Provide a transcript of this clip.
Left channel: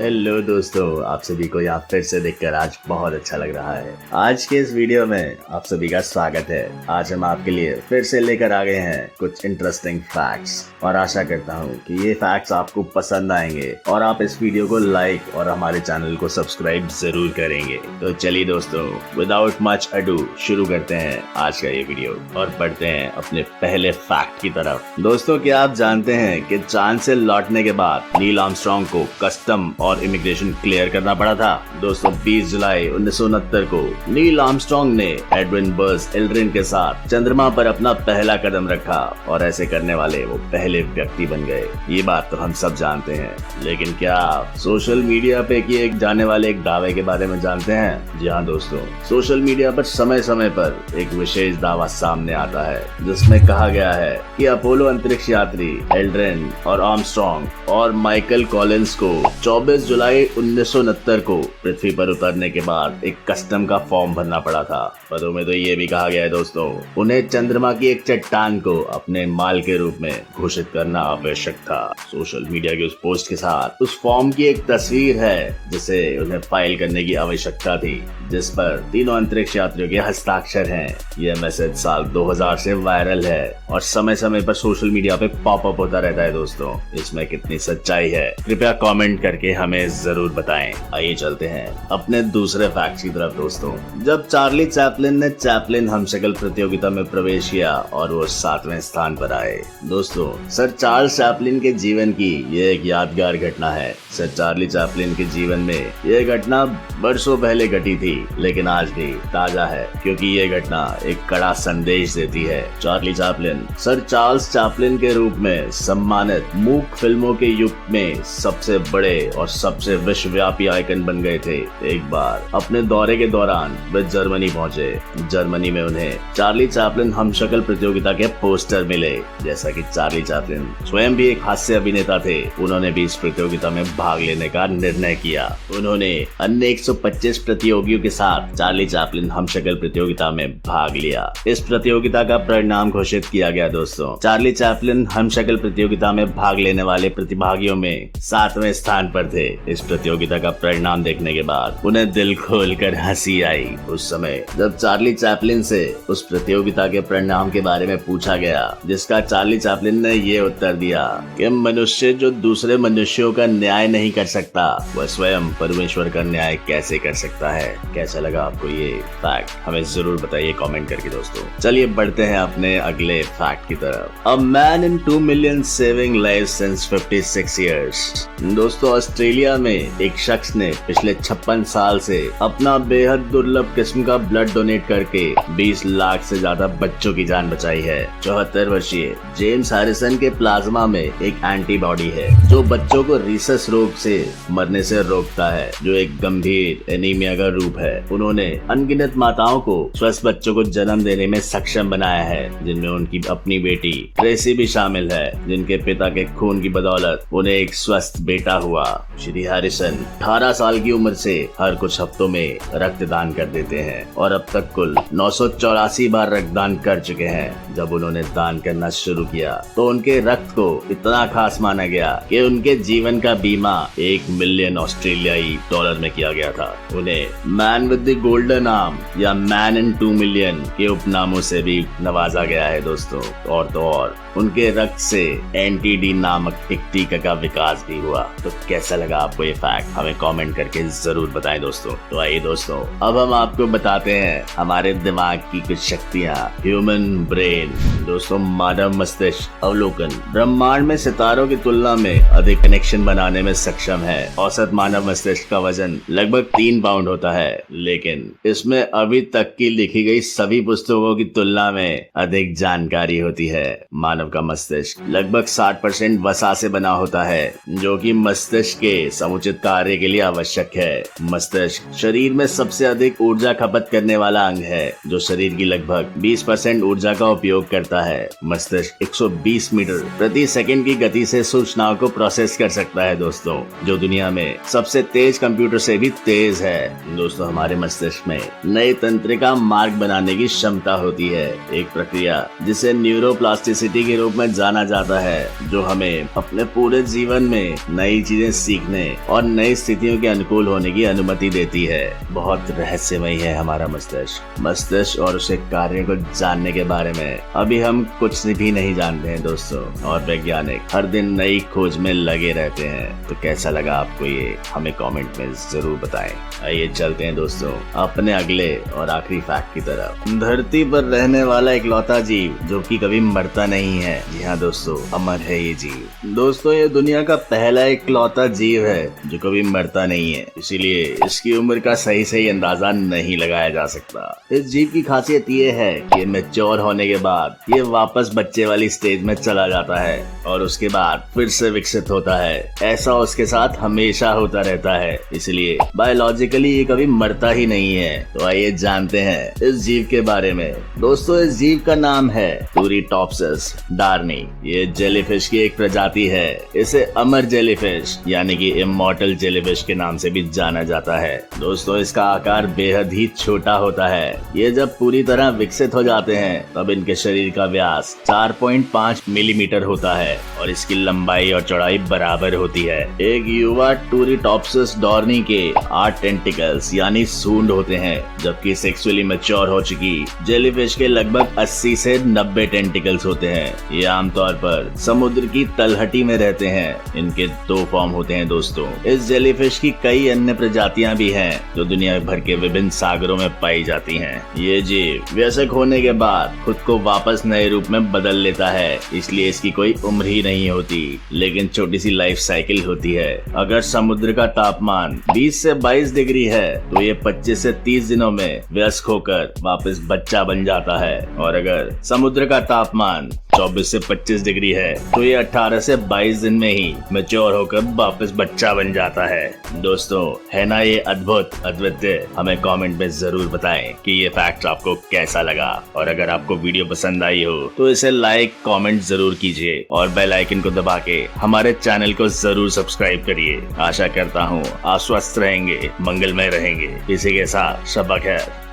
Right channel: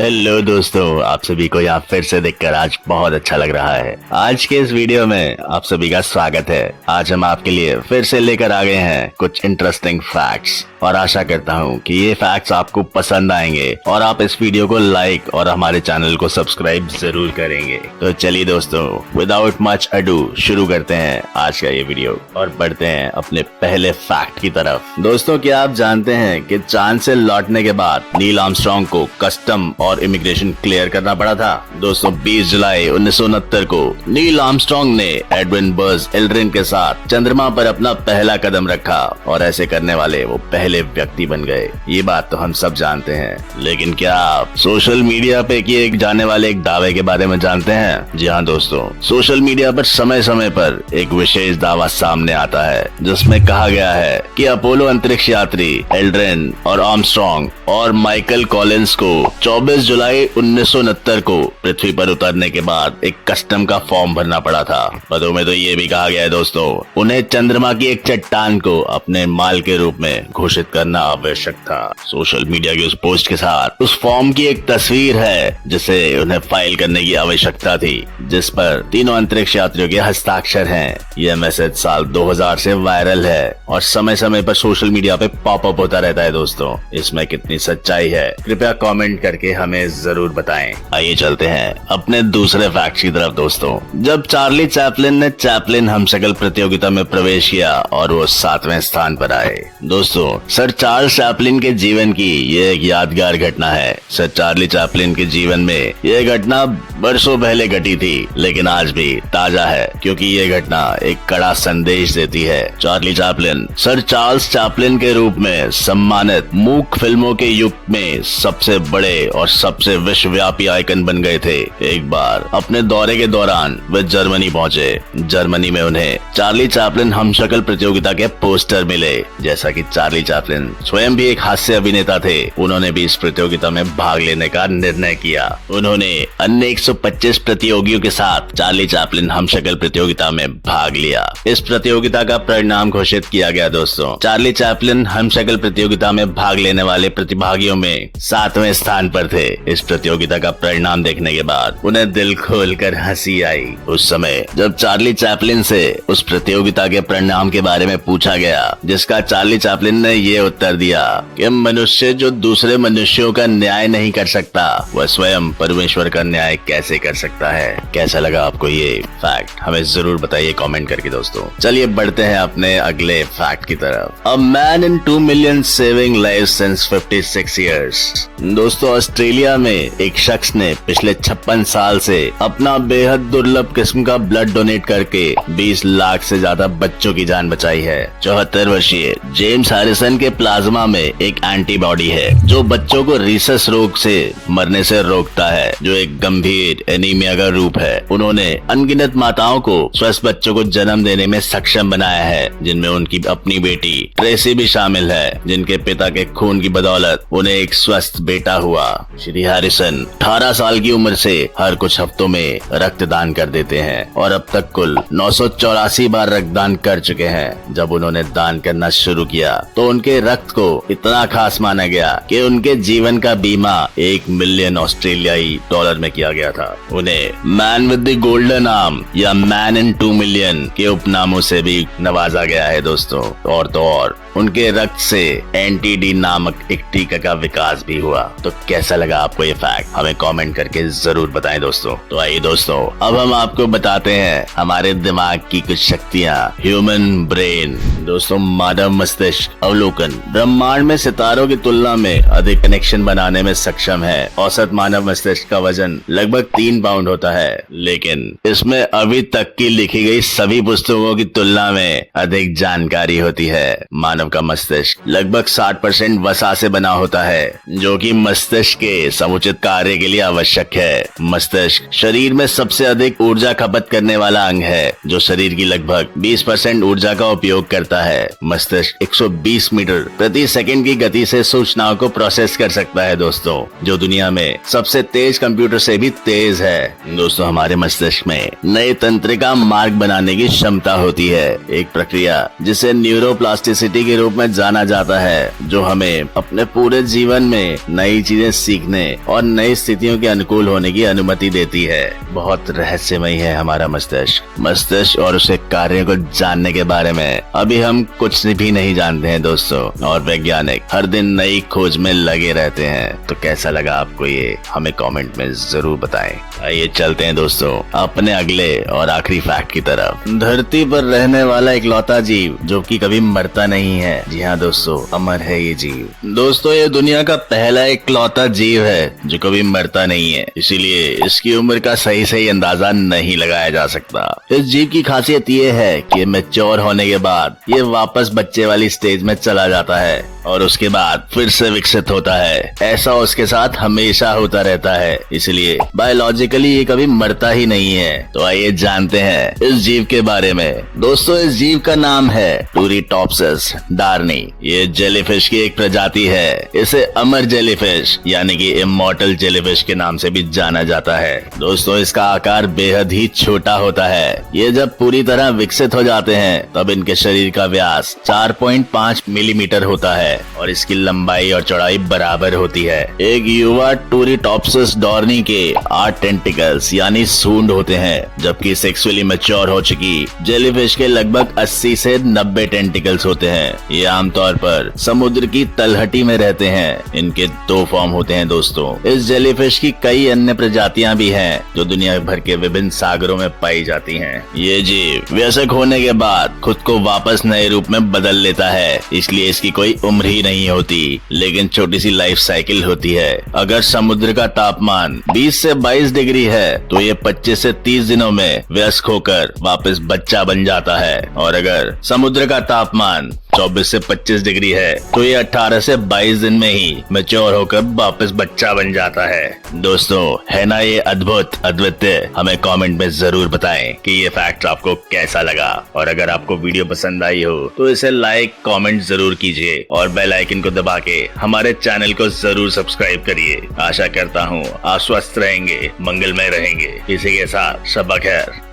Hello दोस्तों, आप सभी को यहाँ फिर से देखकर आज बहुत अच्छा लग रहा है। आज के इस वीडियो में आप सभी का स्वागत है। आज हम आपके लिए फिर से लेकर आ गए हैं कुछ इंटरेस्टिंग फैक्ट्स और आशा करता हूँ कि ये फैक्ट्स आपको पसंद आएंगे और आप इस वीडियो को लाइक और हमारे चैनल को सब्सक्राइब जरूर करेंगे। तो चलिए दोस्तों, विदाउट मच अडू शुरू करते हैं आज का ये वीडियो और बढ़ते हैं अपने पहले फैक्ट की तरफ। दोस्तों, क्या आप जानते हैं कि चांद से लौटने के बाद नील आर्मस्ट्रांग को कस्टम और इमिग्रेशन क्लियर करना पड़ा था। दोस्तों, 20 जुलाई 1969 को नील आर्मस्ट्रांग ने एडविन बज एल्ड्रिन के साथ चंद्रमा पर अपना पहला कदम रखा और ऐसे करने वाले वो पहले व्यक्ति बन गए। ये बात तो हम सब जानते हैं, लेकिन क्या आप सोशल मीडिया पे किए जाने वाले एक दावे के बारे में जानते हैं? जी हाँ दोस्तों, सोशल मीडिया पर समय समय पर एक विशेष दावा सामने आता है जिसमें कहा गया है कि अपोलो अंतरिक्ष यात्री एल्ड्रिन और आर्मस्ट्रांग और माइकल कॉलिंस को 24 जुलाई 1969 को पृथ्वी पर उतरने के बाद एक कस्टम का फॉर्म भरना पड़ा था। पदों में तो ये भी कहा गया है दोस्तों, उन्हें चंद्रमा की एक चट्टान को अपने माल के रूप में घोषित करना आवश्यक था। सोशल मीडिया की उस पोस्ट के साथ उस फॉर्म की एक तस्वीर है जिसे उन्हें फाइल करने की आवश्यकता थी, जिस पर तीनों अंतरिक्ष यात्रियों के हस्ताक्षर हैं। यह मैसेज साल 2000 से वायरल है और समय समय पर सोशल मीडिया पे पॉपअप होता रहता है। दोस्तों, इसमें कितनी सच्चाई है कृपया कमेंट करके हमें जरूर बताएं। आइए चलते हैं अपने दूसरे फैक्ट की तरफ। दोस्तों, जब चार्ली चैपलिन ने चैपलिन हमशक्ल प्रतियोगिता में प्रवेश किया और वो 7वें स्थान पर आए। दोस्तों, सर चार्ल्स चैपलिन के जीवन की ये एक यादगार घटना है। सर चार्ली चैपलिन के जीवन में यह घटना बरसों पहले घटी थी, लेकिन आज भी ताजा है क्योंकि ये घटना एक कड़ा संदेश देती है। Charlie Chaplin sir Charles Chaplin के रूप में सम्मानित मूक फिल्मों के युग में सबसे बड़े और सबसे विश्वव्यापी आइकन बन गए थे। एक बार अपने दौरे के दौरान वे जर्मनी पहुंचे। जर्मनी में उन्हें चार्ली चैपलिन हमशक्ल प्रतियोगिता के पोस्टर मिले। जैसा कि चार्ली चैपलिन स्वयं भी एक हास्य अभिनेता थे, उन्होंने भी इस प्रतियोगिता में भाग लेने का निर्णय किया। उन्होंने अन्य 125 प्रतियोगियों के साथ चार्ली चैपलिन हमशक्ल प्रतियोगिता में भाग लिया। इस प्रतियोगिता का परिणाम घोषित किया गया। दोस्तों, चार्ली चैपलिन हमशक्ल प्रतियोगिता में भाग लेने वाले प्रतिभागियों में 7वें स्थान पर थे। इस प्रतियोगिता का परिणाम देखने के बाद उन्हें दिल खोलकर हंसी आई। उस समय जब चार्ली चैपलिन से उस प्रतियोगिता के परिणाम के बारे में पूछा गया, जिसका चार्ली चैपलिन ने ये उत्तर दिया कि मनुष्य जो दूसरे मनुष्यों का न्याय नहीं कर सकता, वह स्वयं परमेश्वर का न्याय कैसे कर सकता है। कैसा लगा आपको ये फैक्ट? हमें जरूर बताइए कमेंट करके। दोस्तों, चलिए बढ़ते हैं अपने अगले फैक्ट की तरफ। A man in 2 million saving lives since 56 years. दोस्तों, ऑस्ट्रेलिया में एक शख्स ने पिछले 56 साल से अपना बेहद दुर्लभ किस्म का ब्लड डोनेट करके 20 लाख से ज्यादा बच्चों की जान बचाई है। 74 वर्षीय जेम्स हैरिसन के प्लाज्मा में एक एंटीबॉडी है जो बच्चों को रीसस रोग से मरने से रोकता है, जो एक गंभीर एनीमिया का रूप है। उन्होंने अनगिनत माताओं को स्वस्थ बच्चों को जन्म देने में सक्षम बनाया है, जिनमें उनकी अपनी बेटी ट्रेसी भी शामिल है, जिनके पिता के खून की बदौलत उन्हें एक स्वस्थ बेटा हुआ। श्री हैरिसन 18 साल की उम्र से हर कुछ हफ्तों में रक्तदान कर देते हैं और अब तक कुल 984 बार रक्तदान कर चुके हैं। जब उन्होंने दान करना शुरू किया तो उनके रक्त को इतना खास माना गया कि उनके जीवन का बीमा 1 मिलियन ऑस्ट्रेलियाई डॉलर में किया गया था। उन्हें man with the golden arm या मैन इन 2 मिलियन के उपनामों से भी नवाजा गया है। दोस्तों, और तो और उनके रक्त से एंटी-डी नामक एक टीका का विकास भी हुआ। तो कैसा लगा आपको ये फैक्ट? हमें कमेंट करके जरूर बताएं दोस्तों। तो आइए दोस्तों, अब हम आपको बताते हैं हमारे दिमाग की कुछ शक्तियाँ। Human brain. दोस्तों, मानव मस्तिष्क अवलोकन ब्रह्मांड में सितारों की तुलना में अधिक कनेक्शन बनाने में सक्षम है। औसत मानव मस्तिष्क का वजन लगभग 3 पाउंड होता है, लेकिन इसमें अभी तक की लिखी गई सभी पुस्तकों की तुलना में अधिक जानकारी होती है। मानव का मस्तिष्क लगभग 60% वसा से बना होता है, जो कि मस्तिष्क के समुचित कार्य के लिए आवश्यक है। मस्तिष्क शरीर में सबसे अधिक ऊर्जा खपत करने वाला अंग है, जो शरीर की लगभग 20% ऊर्जा का उपयोग करता है। मस्तिष्क 120 मीटर प्रति सेकंड की गति से सूचनाओं को प्रोसेस कर सकता है। दोस्तों, जो दुनिया में सबसे तेज कंप्यूटर से भी तेज है। दोस्तों, हमारे मस्तिष्क में नए तंत्रिका मार्ग बनाने की क्षमता होती है, एक प्रक्रिया जिसे न्यूरोप्लास्टिसिटी के रूप में जाना जाता है, जो हमें अपने पूरे जीवन में नई चीजें सीखने सीखने और नई स्थितियों के अनुकूल होने की अनुमति देती है। बहुत रहस्यमय है हमारा मस्तिष्क और उसके कार्यों को जानने के बारे में अभी हम कुछ भी नहीं जानते हैं दोस्तों, और वैज्ञानिक हर दिन नई खोज में लगे रहते हैं। तो कैसा लगा आपको ये, हमें कमेंट में जरूर बताएं। आइए चलते हैं दोस्तों अपने अगले और आखिरी फैक्ट की तरफ। धरती पर रहने वाला इकलौता जीव जो कि कभी मरता नहीं है। जी हाँ दोस्तों, अमर है ये जीव। दोस्तों ये दुनिया का पहला इकलौता जीव है जो कभी मरता नहीं है, इसीलिए इसकी उम्र का सही अंदाजा नहीं लगाया जा सकता। इस जीव की खासियत ये है कि मैच्योर होने के बाद ये वापस बच्चे वाली स्टेज में चला जाता है और उसके बाद फिर से विकसित होता है। ऐसा उसके साथ हमेशा होता रहता है, इसलिए बायोलॉजिकली ये कभी मरता ही नहीं है। तो आइए जानते हैं इस जीव के बारे में। दोस्तों इस जीव का नाम है टूरीटॉप्सिस डार्नी। ये जेलीफिश की एक प्रजाति है। इसे अमर जेलीफिश यानी कि इमॉर्टल जेलीफिश के नाम से भी जाना जाता है। दोस्तों इसका आकार बेहद ही छोटा होता है। ये जब पूरी तरह विकसित हो जाते हैं तब इनके शरीर का व्यास 4.5 मिलीमीटर होता है और इसकी लंबाई और चौड़ाई बराबर होती है। एक युवा टूरीटॉप्सिस डॉर्नी के 8 टेंटिकल्स यानी सूंड होते हैं, जबकि सेक्सुअली मैच्योर हो चुकी जेलीफिश के लगभग 80 से 90 टेंटिकल्स होते हैं। ये आमतौर पर समुद्र की तलहटी में रहते हैं। इनके 2 फॉर्म होते हैं दोस्तों। इस जेलीफिश की कई अन्य प्रजातियां भी हैं जो दुनिया भर के विभिन्न सागरों में पाई जाती हैं। ये जीव वयस्क होने के बाद खुद को वापस नए रूप में बदल लेता है, इसलिए इसकी कोई उम्र ही नहीं होती, लेकिन छोटी सी लाइफ साइकिल होती है। अगर समुद्र का तापमान 20 से 22 डिग्री है तो ये 25 से 30 दिनों में वयस्क होकर वापस बच्चा बन जाता है, और अगर समुद्र का तापमान 24 से 25 डिग्री है तो ये 18 से 22 दिन में ही मैच्योर होकर वापस बच्चा बन जाता है। दोस्तों है ना ये अद्भुत, अद्वितीय? हमें कमेंट में जरूर बताएं कि ये फैक्ट आपको कैसा लगा, और अगर आपको वीडियो पसंद आई हो तो इसे लाइक कमेंट जरूर कीजिए और बेल आइकन को दबा के हमारे चैनल को जरूर सब्सक्राइब करिए। आशा करता हूँ आप स्वस्थ रहेंगे, मंगलमय रहेंगे। इसी के साथ शब खैर।